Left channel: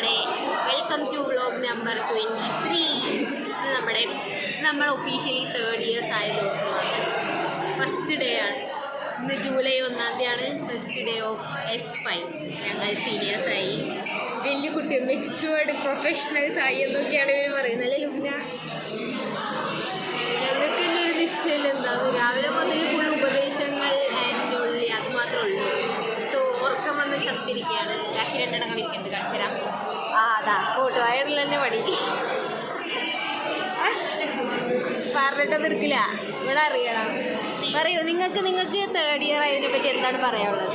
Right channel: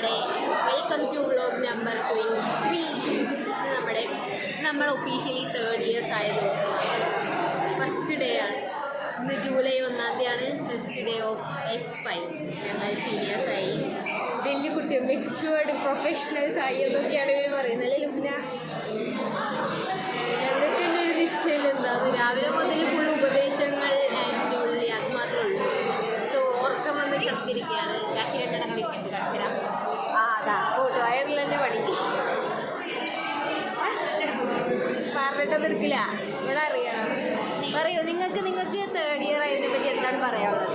നമ്മുടെ welcome to vlog number 23. നമ്മൾ officially 3 years ആയ ദിവസമാണ്. ഫസ്റ്റ് ഡേ ആണ് ഇന്ന്. ജൂലൈ 1-ാം തീയതിയാണ് ഫസ്റ്റ് ഡേ ഓഫ് S5. ഞങ്ങൾ സീനിയേഴ്സായി, വലിയ കുട്ടികൾ, മെച്യൂർഡ് പ്രൊഫഷണൽസ് ആയി എന്നൊക്കെയാണ് ഇവർ പറയുന്നത്. അല്ലേ ലുബ്ന? ഞങ്ങൾക്ക് തന്നെ ഒരു നിശ്ചയം എന്താണ്, രാവിലെ മുതൽ ഫുൾ ഉപദേശങ്ങൾ അതിൻ്റെ ഉള്ളിൽ അത് മാത്രമേ ഉള്ളൂ. സോ ഉറക്കം വന്ന് ചത്തിരിക്കുകയാണ്. ബാക്കി 2 എണ്ണം കളിക്കുന്നുണ്ട്, കളിച്ചുതരാം. അതാ കൂട്ടുകാരുള്ള തന്നെ പഠിക്കും. പറഞ്ഞിട്ടൊന്നും എടുക്കില്ല. ഇവിടെ അറിയണം. പറയൂ, നിങ്ങൾക്ക് 3rd ഇയർ അതിനെ പറ്റി എന്താണ് പറയാനുള്ളത്?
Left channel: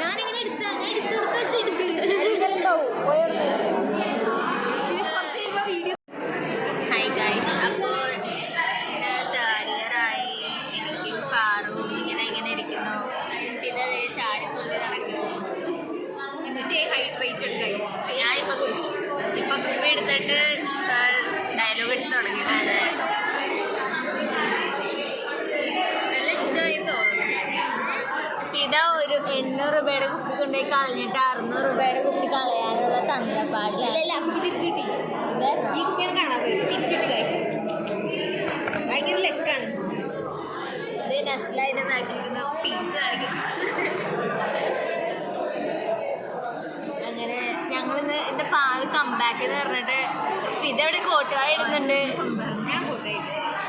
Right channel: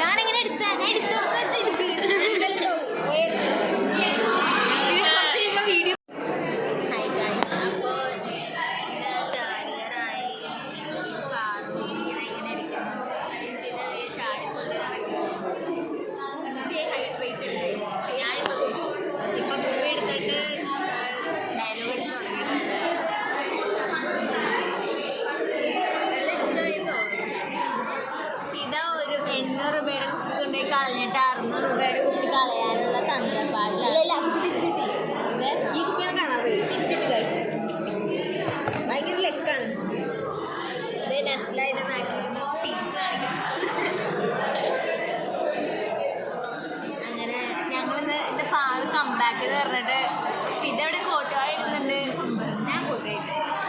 ഞാനിങ്ങനെ വീഡിയോ. ഹായ് ഗൈസ്, അപ്പോൾ തേർഡ് ഇയർ ആയി. എനിക്ക് പാറു ഇങ്ങനെ ഇരിക്കുന്നു. ഇത് ചാടിത്തുള്ളി നടക്കുന്നു. ഹൈഡ്രേറ്റ് ഉണ്ട്. ഞാൻ ഇപ്പോൾ കുടിച്ചു. ഇപ്പം കുപ്പി എടുത്തിട്ട് ഡയലോഗ് എടുത്ത് തുടങ്ങിയിട്ടുണ്ട്. നല്ല ഇഷ്ടമായി തോന്നുന്നു. ഇതാ ഒരു 800 രൂപയുടെ കുപ്പി കൊണ്ടുപോയി കളഞ്ഞിട്ട് 600 രൂപയുടെ കുപ്പി കളയാനുള്ള തന്ത്രപ്പാടില്ല. കുപ്പി തിരിച്ചിട്ടി. ഈ കുപ്പിയാണ് കാണാൻ പോയി തിരിച്ചിട്ട് ഭയങ്കര ലെക്കാണ്. ഇത് നസ്ലായിട്ട് നാട്ടിലിരുന്ന പീസാണ്. അങ്ങനെ ഞങ്ങളിന്ന് എൻ്റെ പാറ് കംബാക്ക് എന്ന് പറഞ്ഞിട്ട് ഇതെവിടെ കോട്ടുകാരി ഇടുന്നുണ്ട്.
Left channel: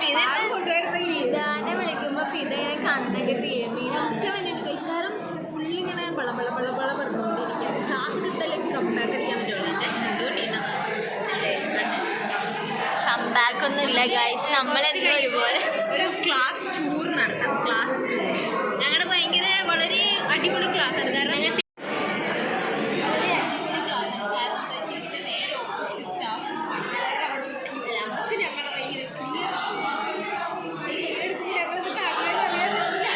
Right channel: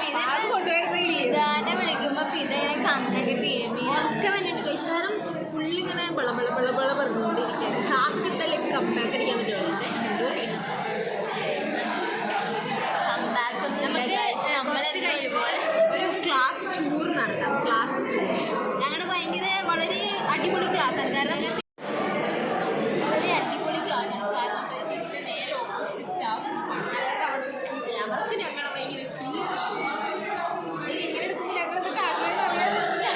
ഫിദാനെ വിളിക്കുമ്പോൾ ഫിദ ഇങ്ങനെ കണ്ണൊക്കെ തിരുമ്പി കാരണം ഫുള്ളിങ്ങനെ ബള പറഞ്ഞുകൊണ്ടിരിക്കുകയാണ്. ക്ലാസ് കിട്ടലേക്ക് കംബാക്ക് അടിക്കാൻ പറ്റുള്ളൂ. കംബാക്ക് ഒന്നും ഇല്ല ഗൈസ്. നമ്മളെല്ലാം ഒരുപോലെ ഒരു ക്ലാസ് ടൂർ നടത്താം. ക്ലാസ് ടൂർ ഞങ്ങളുടെ ഭയങ്കര വളരെ അടിപൊളി ക്ലാസ്സാണ്. കാരണം വളരെ അടിപൊളി ക്ലാസ്സാണ്. കാരണം എന്താ വെച്ചാൽ ഇതിൻ്റെ നേരെ ഓപ്പോസിറ്റ് സ്റ്റാഫ് ഞങ്ങൾക്ക് അവിടെ അവർക്ക് ഞങ്ങളെ ഭയങ്കര ക്ലിയർ എടുക്കുമ്പോൾ ഞങ്ങളത് കാട്ടിലെന്ന് അറിയാൻ പറ്റില്ല.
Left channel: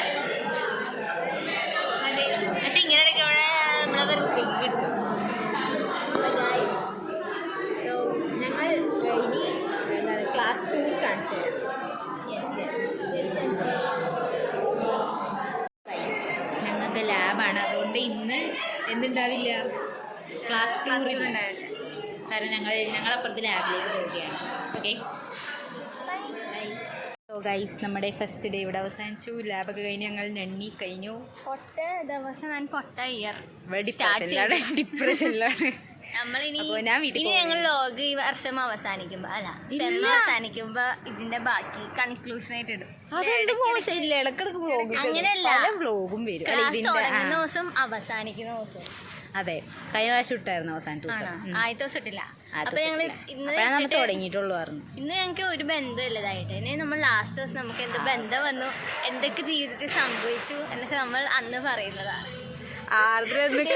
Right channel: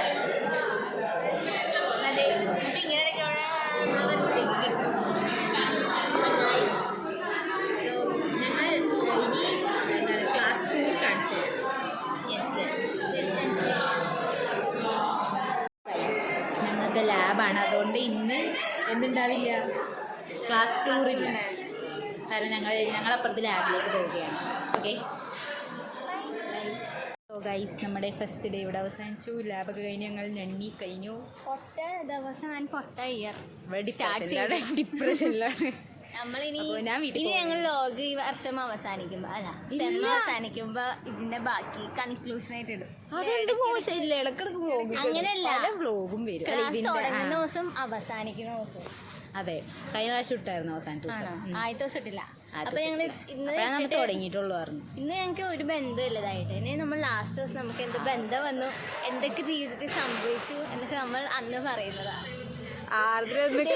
അതെ, പക്ഷെ ഇങ്ങനെ ഇടയ്ക്ക് അവിടെ കിട്ടും. ഞങ്ങൾ ഇനി എന്താണ് ക്ലാസ് ടൂർ കാണിച്ചു തരാം. ഞങ്ങൾക്ക് ലാബാണ്, അതുകൊണ്ട് ഇന്ന് എന്തുണ്ടാവില്ല, ക്ലാസ് ടൂറിലുണ്ടാവില്ല. കാരണം ഞങ്ങളപ്പുറത്ത് ലാബിലേക്ക് പോവുകയാണ്. ഓക്കെ, സോ ഗൈസ്, നമ്മുടെ ഫസ്റ്റ് ഡേ ഇവിടെ അവസാനിച്ചു. ലാബൊക്കെ കഴിഞ്ഞ് ഞങ്ങൾ ഞണ്ണി കഴിഞ്ഞു. കൊട്ട ദിവസം ഞാൻ കൊട്ട ഇയർ ഡിപ്രഷനിലാണ്. നമ്മളിനി ഞങ്ങൾ ലോഗ് ഈ വർഷം അവസാനിക്കുമ്പോ സെം അവസാനിക്കുമ്പോ ഇതിന്റെ ബാക്കി കൺക്ലൂഷനായിട്ട് ഇടും. അങ്ങനെയല്ല, വ്ലോഗും വരും. ക്ലാസ് തുടങ്ങുന്ന ദിവസം അവസാനിക്കുന്ന ദിവസം. അതെ, കഴിഞ്ഞ പ്രാവശ്യം ഇട്ടായിരുന്നു അവസാനത്തെ ദിവസം. ആദ്യത്തെ ദിവസം ഇട്ടില്ല. അപ്പൊ ഞങ്ങൾ ഇന്ന് തുടങ്ങിയിട്ടുള്ളൂ. ഇന്ന് ഞങ്ങൾക്ക് ഒരു ബന്ധമില്ലതായിട്ട്. ഇനി നമ്മൾ ലാസ്റ്റ് ദിവസം നമുക്ക് എന്ത് ബന്ധം വന്നു, എന്തൊക്കെ ജീവിതത്തിൽ സംഭവിച്ചു എന്നൊക്കെ നമ്മൾ അന്ന് പറയുന്നതാണ്.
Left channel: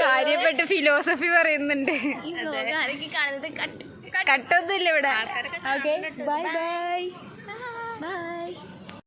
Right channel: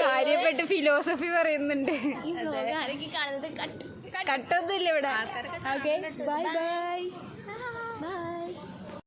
കാര്യപ്പെട്ട് ഫിലോസഫി പറയുന്നുണ്ട്. ഈ വ്ലോഗ് ആരൊക്കെ കാണുന്നത് കട്ടൊന്നുമില്ല ഇവിടെ. Bye bye.